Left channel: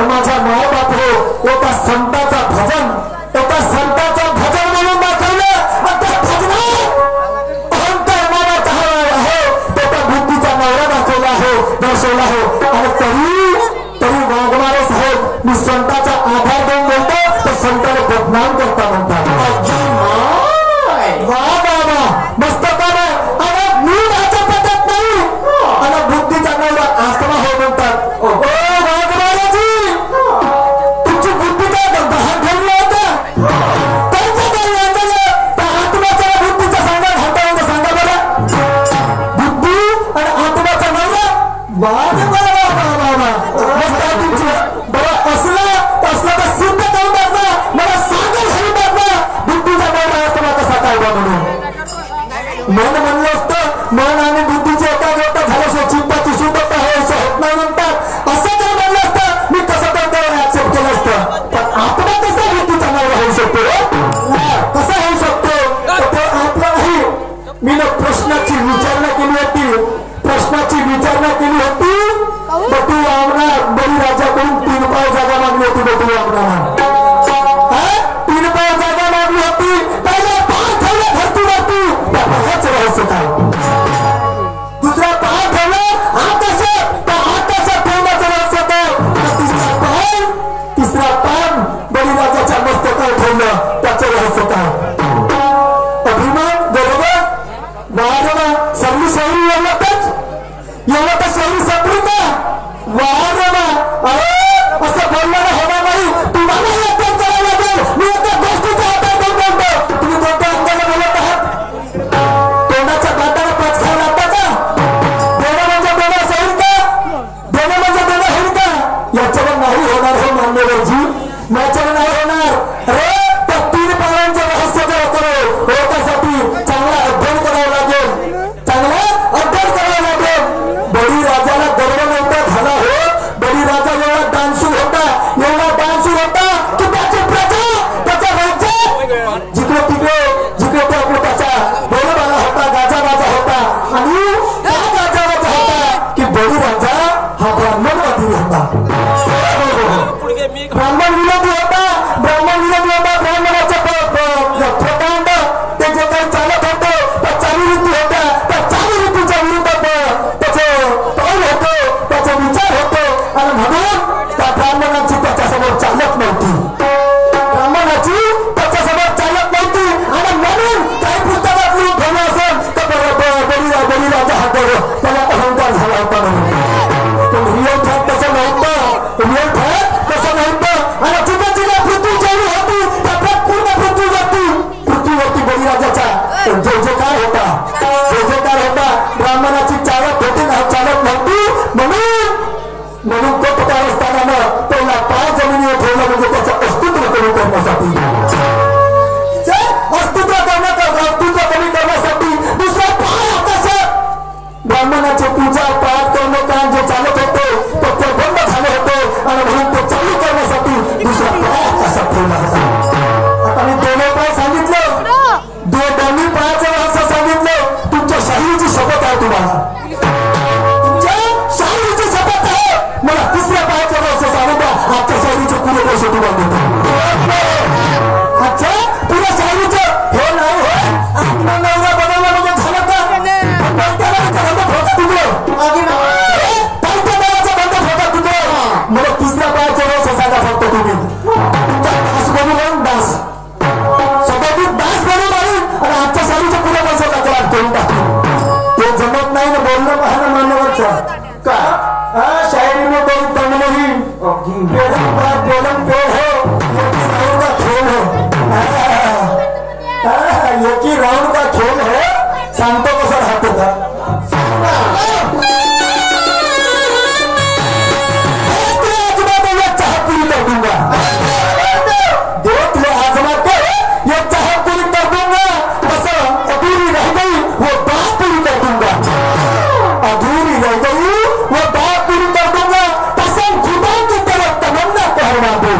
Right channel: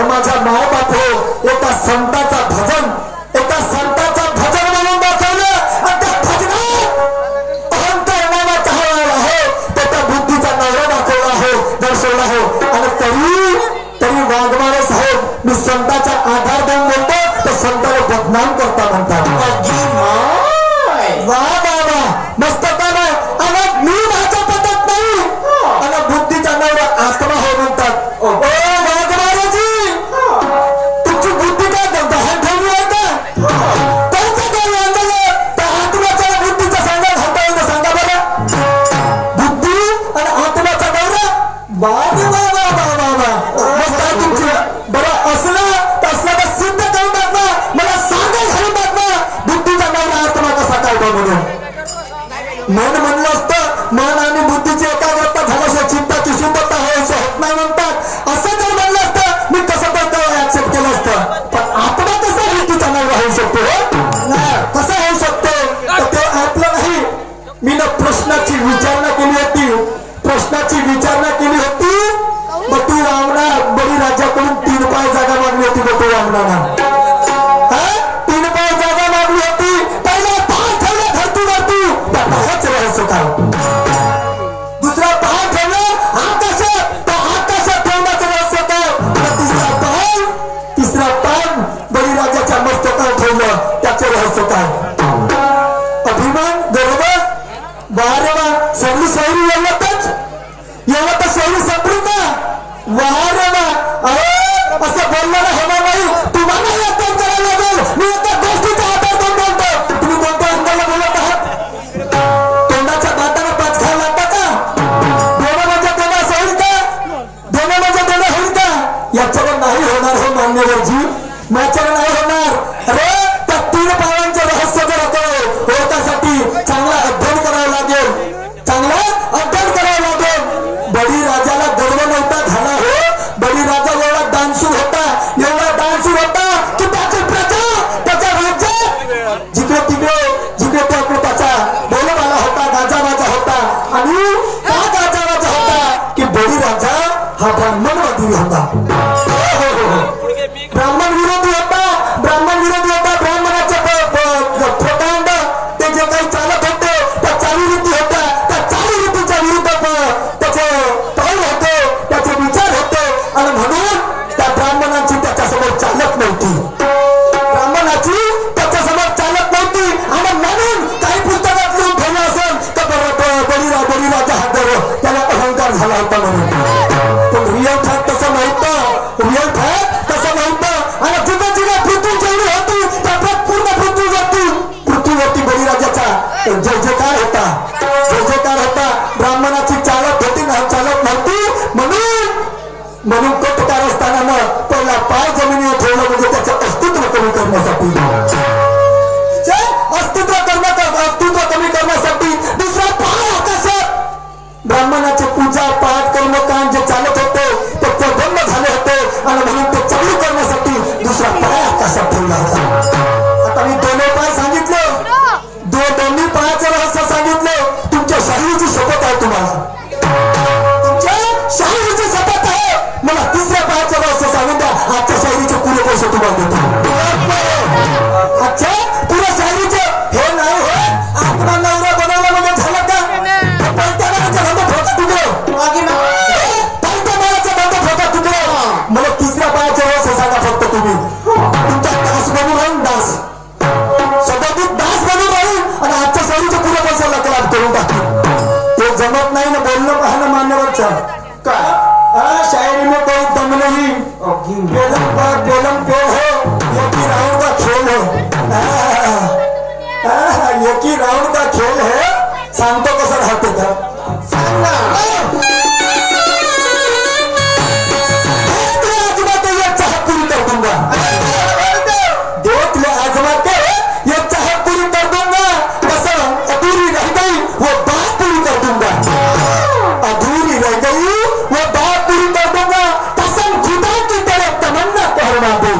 तर माझ्या माय बाप हो एका संताचा भजन म्हणून दाखवलं. त्या भजनात अहंकार नावाचा आहे तो त्या बुद्धीचा नवरा दाखवला आहे, दर्शवला आहे. आणि तरी वाघमारे साहेब मी संताचा आधार देऊन म्हणतो तर संताला बदनाम करता म्हणतात. वा बाबा मस्त काम आहे. आणि मी माझ्या पद्धत नाही आणि बुद्धीचा नवरा आत्मा हे म्हणतात. ओ वाघमारेजी तुमची बुद्धी काय दहा ठेवली होता त्यांच्या काही अंदाज त्या आत्म्याच्या बुद्धीचा संघात हाता येऊन सांगा बरं. बुद्धी आणि आत्म्याचा नवरा वाघ मस्त आहे तुमची. बरं असला तर सिद्ध करून टाका, मला सांगा घालून टाका बुद्धीचा नवरा आत्मा कसा काय बा म्हणून. मन म्हणलं असतं मन आणि बुद्धीची एकाग्रता झाल्याशिवाय चित्ताची शुद्धता हे होत नाही म्हणतात. असं जर म्हणलं असतं मी कसं तर ऍक्सेप्ट केलं असतं. पण आत्मा कसा बुद्धीचा नवरा होऊ शकतो कसा होऊ शकतो तर ते आपलं नाही. मी प्रश्नाची विचारणा केली होती बटू रामणार बळीराजाकडून 3 पाय जागा मागली होती. बटू रामणार 3 पाय जागा मागली होती. पहिला पाय ठेवला धरतीवरती त्या पायाच रहस्य काय. दुसरा पाय ठेवला आकाशात त्या आकाशात ठेवण्याचं रहस्य काय. तिसरा पाय बळीराजाच्या मस्तकावर ठेवलं त्याचं रहस्य काय. अभिमान बरोबर वारवा सर्व शहरी एवढं तर शहरी सपरू का वारवा असं बोलणं होणार नाही. तुम्हाला यत्न करायला लागेल. मी एका गोष्टीचा आधार देऊन बोलतो. तुम्ही कोणत्या अंगाला बोलत आहात. तोंडाच्या दाताला पाच खायला लागता का. देणं म्हणजे देणं होईल का याच्यावर नाही होणार हे मान्यवरजी याच्यावर नाही होणार. अरे त्या 3 पायांचं रहस्य जर करो त्यासाठी चांगला अध्ययन करावं लागेल. बळीराजाला गर्व नव्हता झाला हो. बळीराजा एवढा दानशूर होता की त्याची प्रजा त्याच्या राज्यात जिकडे तिकडे आपलं त्याचा बोलबाला होता, गाजावाजा होता. आणि त्या गाजावाजा होता की बळीराजा हा ब्राह्मणवादी होता. ब्राह्मण विरोधी होता. ब्राह्मणाचे प्रकांड ते जे काही चालत होते त्या चालीरीती होत्या. त्या चालीरीतीच्या विरुद्ध पाऊल होतो, त्याचे विचार होते. आणि म्हणून त्या ब्राह्मणाची त्याच्यासमोर चालत नव्हती. आणि म्हणून काही पुस्तकात लिहून ठेवलं असेल तर बळीराजा हा त्याला अहंकार झाला होता म्हणून. पण रिअल फॅक्ट तसं नव्हतं. आणि जिथे पृथ्वी जेवढी होती त्यात पूर्ण पृथ्वीवरती बळीराजाचा जयजयकार होता. ब्राह्मणाची चालत नव्हती. म्हणून तो कारस्थानानं पहिला पाय जमिनीवर ठेवलं म्हणजे त्याचं अस्तित्व कमी करण्यासाठी दुसरा पाय आकाशात ब्राह्मणाचे पूजा पाठ कर्म काम जे चालत होते ते बंद झाले होते. आणि म्हणून ते चालू करण्यासाठी दुसरा पाय आकाशात ठेवला होता. आता मी 2 पाय सांगितलं, 2 पायाचं रहस्य सांगितलं. तुमच्या शाहिरीची शपथ आहे तुम्हाला. शाहिरीची शपथ आहे. मला 3ऱ्या पायाचं रहस्य सांगू द्या. आजच्या शाहिरीचे पुरे पैसे तुम्हाला देतो. अच्छा पुऱ्या शाहिरीचं हे नाही हे आत्मा नवरा बनवला म्हणजे झालं का. पहिल्या बाळाचा बंद फोटा तुकडे मला 3ऱ्या पायाचं रहस्य सांगा फक्त तुम्ही. तुमचा दास बनून राहून दास सदाचित दास बनून राहील आणि आजच्या शाहिरीचे पुरे पैसे लकलाट करून टाकतील. ते जमत नाही ना बोलणं पाहणं मान्यवरचं का. शायरी में कोई दम नहीं. बेलम पे हो यकी राउंड का खेल है. सांगतो कसं राहत होता. आजमा तो ये चाह पूरी कर दूंगा. देख ले आजमा के ये चाह पूरी कर दूंगा. बस अधूरी रह गई वो बात पूरी कर दूंगा. कसम खुदा की तरह तमन्ना कहना दो.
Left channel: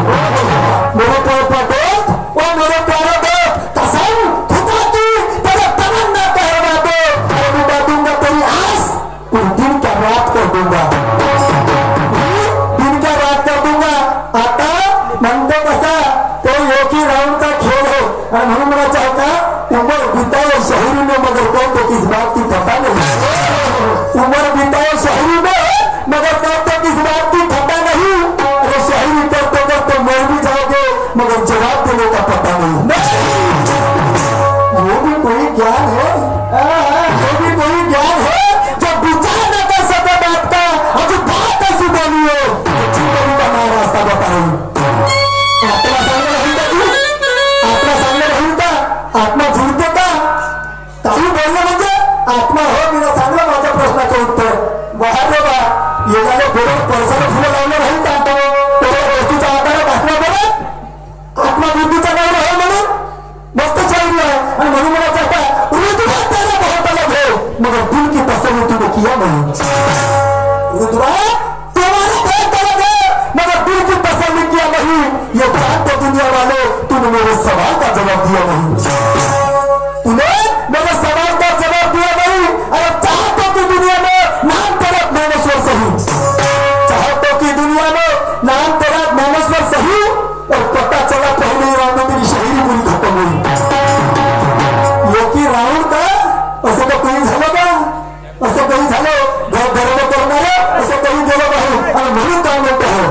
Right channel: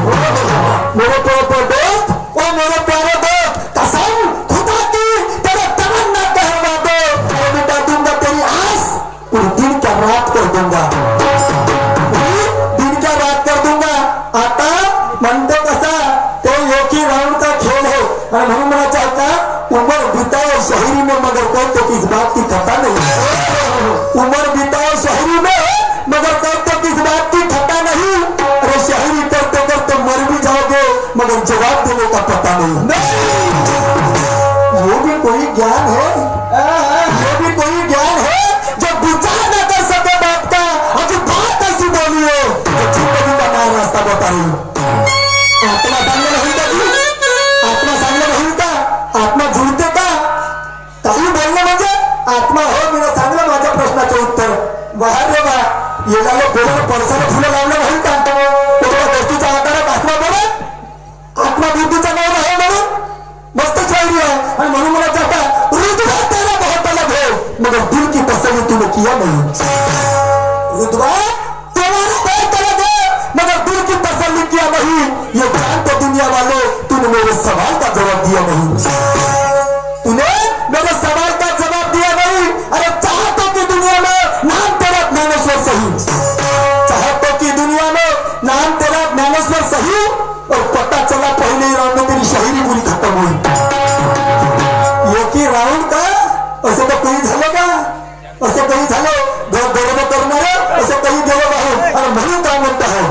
ये जानते दुनिया वालों, तूने मेरे सवाल का जवाब दिया नहीं। तूने मेरे सवाल का जवाब दिया नहीं। अरे चाहतों की दुनिया में नाम तेरा ज्ञानेश्वर सही, चाहतों की दुनिया में नाम तेरा ज्ञानेश्वर सही, और पता चला पहले ही राउंड में तेरी शायरी पूरी खत्म हुई। ये की राउंड का असं तर कधी झालं का? असं कधी झालं? बरोबर करणार असं कधी गेलं नाही. आणि म्हणून काय म्हणत आहे,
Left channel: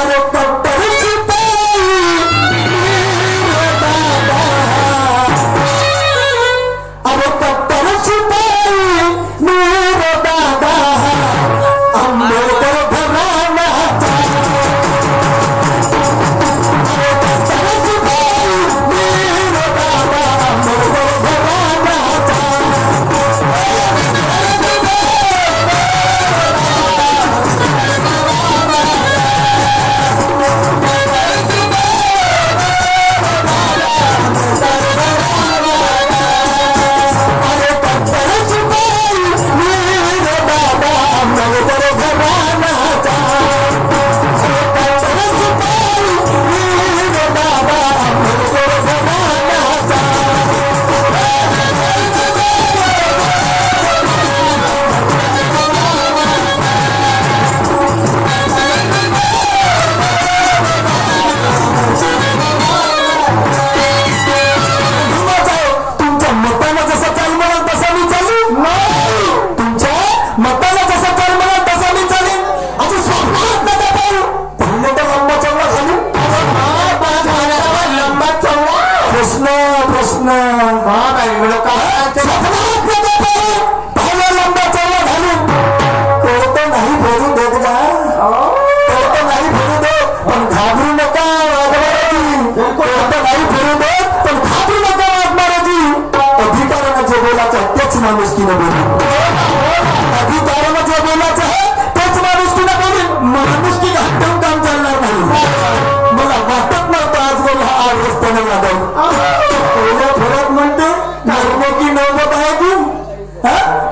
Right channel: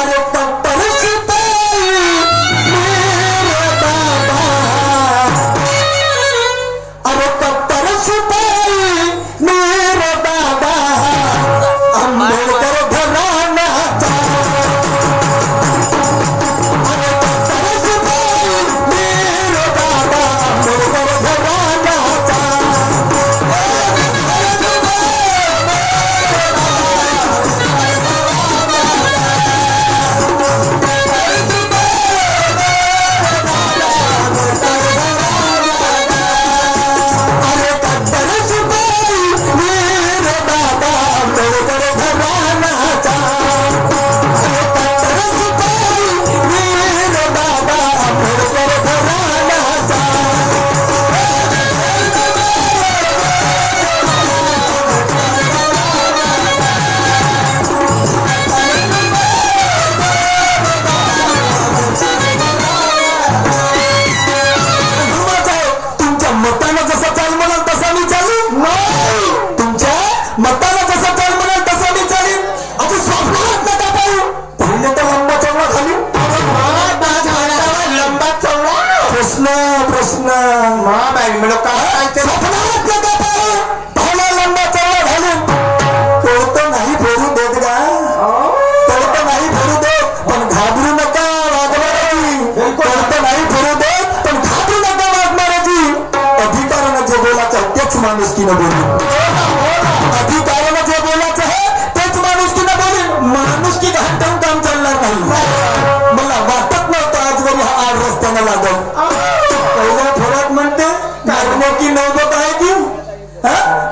अरे पट्टर शिपाई मेरे दादा, अरे पट्टर शिपाई मेरे दादा, आंबेडकर घराण्याचा, अरे पट्टर शिपाई मेरे दादा, आंबेडकर घराण्याचा. अरे पट्टर शिपाई मेरे दादा, आंबेडकर घराण्याचा, अरे पट्टर शिपाई मेरे दादा, आंबेडकर घराण्याचा. तुमच्या मताला जसं चाल म्हणाल तसं मी चालेल. तुमच्या मताला जसं चाल म्हणाल तसं मी चालेल. अजून स्वप्नात नका पाहू. पहिले तर लंबा चौडा घालू. लंबा चौडा प्रश्न स्वप्नात नका पाहू. पहिले लंबा चौडा घालू. तो नाही बोलू देत का? तो नाही बोलू देत, पण घाबरू नका वाघमाराजी. तो नाही बोलू देत, पण घाबरू नका वाघमाराजी. अधिकारानं जे बोलायचं आहे तेच माणुसकीनं बोलू. अधिकारानं जे बोलायचं आहे तेच माणुसकीनं बोलू. माणुसकी घाटून काम चालणार नाही. मला वाटत नव्हतं आजवर हा आड रस्त्यानं लागल. पहिल्या फेऱ्यात म्हणते की नव्हतं आहे की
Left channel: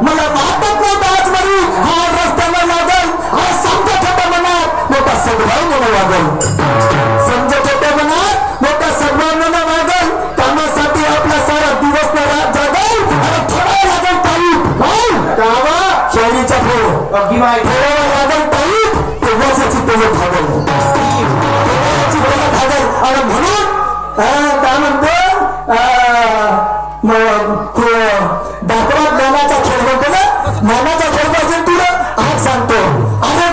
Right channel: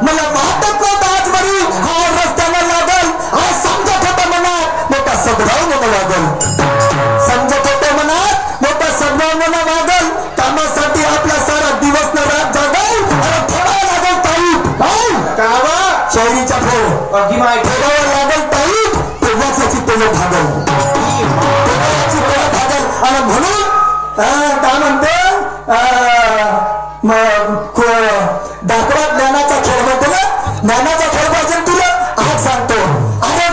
मला वाटत नव्हतं आजवरी हा आड रस्त्यानं लागल. हा समजत होतं मनात मोठा सद्भाव मला लागल. समजत होतं मनात मोठा सद्भाव मला लागल. कामासाठी आपला सारा दिवस न रात जागल. आणि थोडा लागल टाईट. शायरीच्या थोड्यावर लागल टाईट. तेव्हाच तेव्हा भागल. आणि म्हणून काय म्हणतो दाखवात ज्ञानाचा खेळ म्हणतो ना. ज्ञानाचा खेळ पाहिजे तुला आज सांगतो. अरे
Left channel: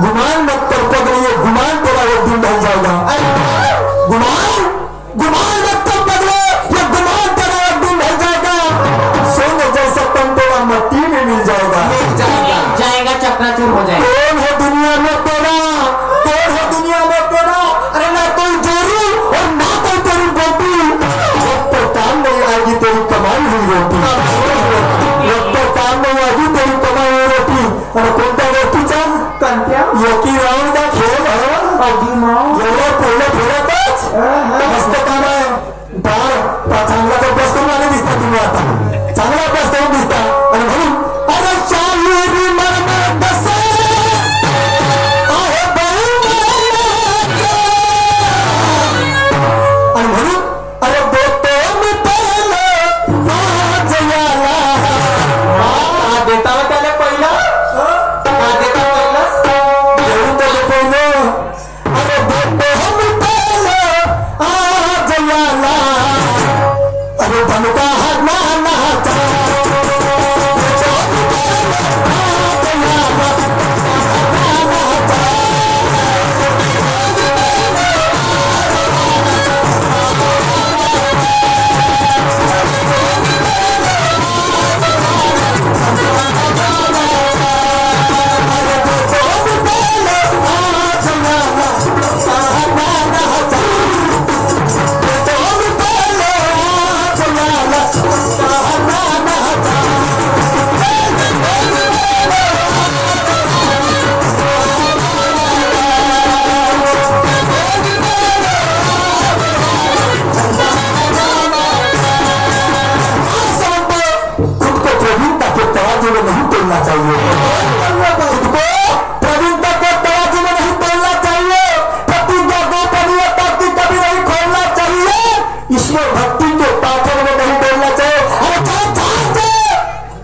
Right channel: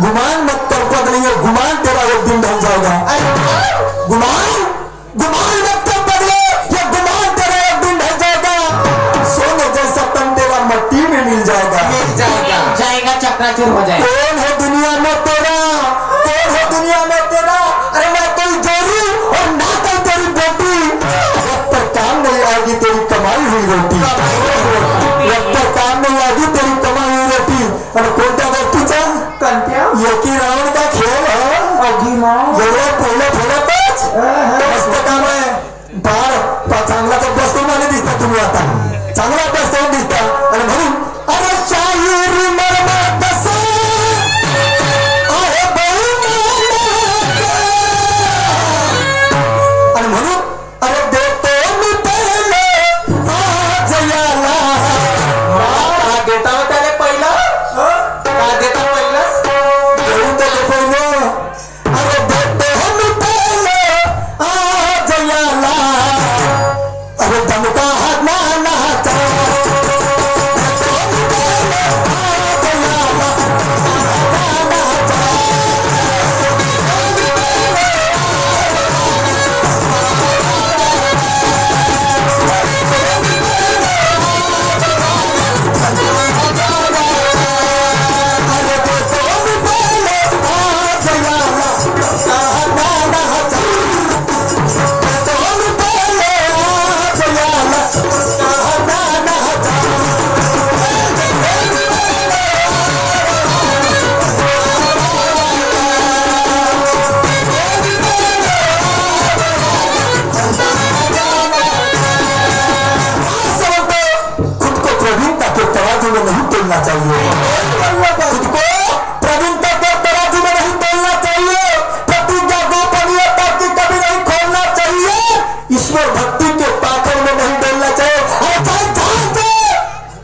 गुमान मत कर पगले, गुमान तेरा एक दिन ढल जाएगा। गुमान गुमान मत कर पगले, ये गुमान तेरा एक दिन ढल जाएगा। सोने जैसा तन तेरा मट्टी में मिल जाएगा। चकनाचूर हो जाएगा। कौन है दुनिया में तेरा, कौन है दुनिया में तेरा, अरे ना कोई जोड़ी और ना कोई तेरी बेटी। जब तक काम नहीं आएगी तेरी कमाई हुई रोटी, जब तक काम नहीं आएगी तेरी कमाई हुई रोटी। और कोणत्या गोष्टीचा एकी राऊंड का खेळ आहे। एवढं पहिलं थोडंच मस्त काम आहे। चांगला अभ्यास करून आले दिसता तुम्ही, आता चांगला अभ्यास करून दिसता। आणि म्हणून अरे शाहीर मर्म कसा आहे बहुमानाचा। आणि म्हणून अरे देतो मी पहिले राजयाला, देता हो त्याने पहिलं बोलना चाहिए, प्रवीणता को तराजू में नहीं तोलना चाहिए, प्रतिज्ञा गोपनीयता की कभी नहीं खोलना चाहिए, ईश्वर भक्ति के पाथर में नहीं बोलना चाहिए, और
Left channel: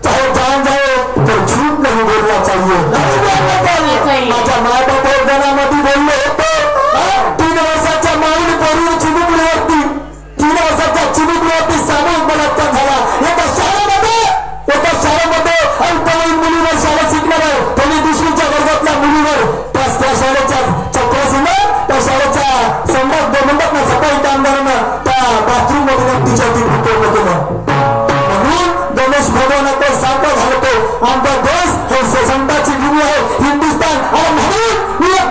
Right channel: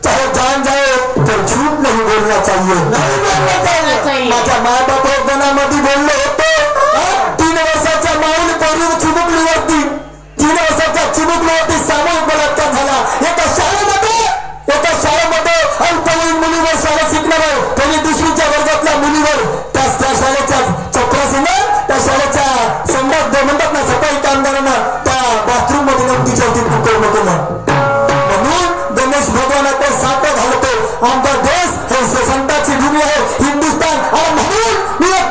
चाहे जान जाए तो झूठ नहीं बोलना चाहिए, नहीं बोलना चाहिए। माझ्या माँ बाप एक जणांमध्ये बोलले होते, 3 वर्षाच्या माईने पोरीने चिमुकलीवरती 3 वर्षाच्या चिमुकलीवरती सामूहिक बलात्कार झाला. एका शाळेमध्ये अल्पवयीन मुलीवर शाळेत शिकणाऱ्या त्यांनी 2वीच्या वर्गातल्या मुलीवर त्या शाळेच्या चक्रासीनं त्या शाळेच्या सम्राट म्हणतात ना सफाई कामगारांना त्या बाथरूम मध्ये तिच्या फुकवलं केलं. म्हणून गणेश भगवानाकडे सापडा घालतो. आमचा देश हे संतांची भूमी आहे, हिंदुस्थान. आणि म्हणून मी एक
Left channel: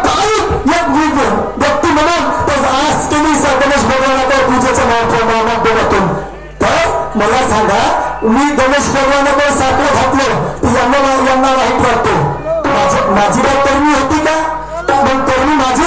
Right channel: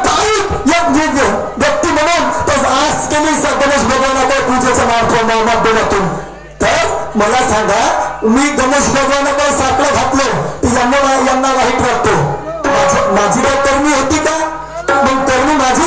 व्यक्ती म्हणून आज केली गणेश भगवानाकडे पूजेच्या माध्यमातून. तर मला सांगा, मी गणेश भगवानाकडे सापडा घातलं की यांना वाईट वाटतो. माझी काय करणी होती का? मग करणी माझी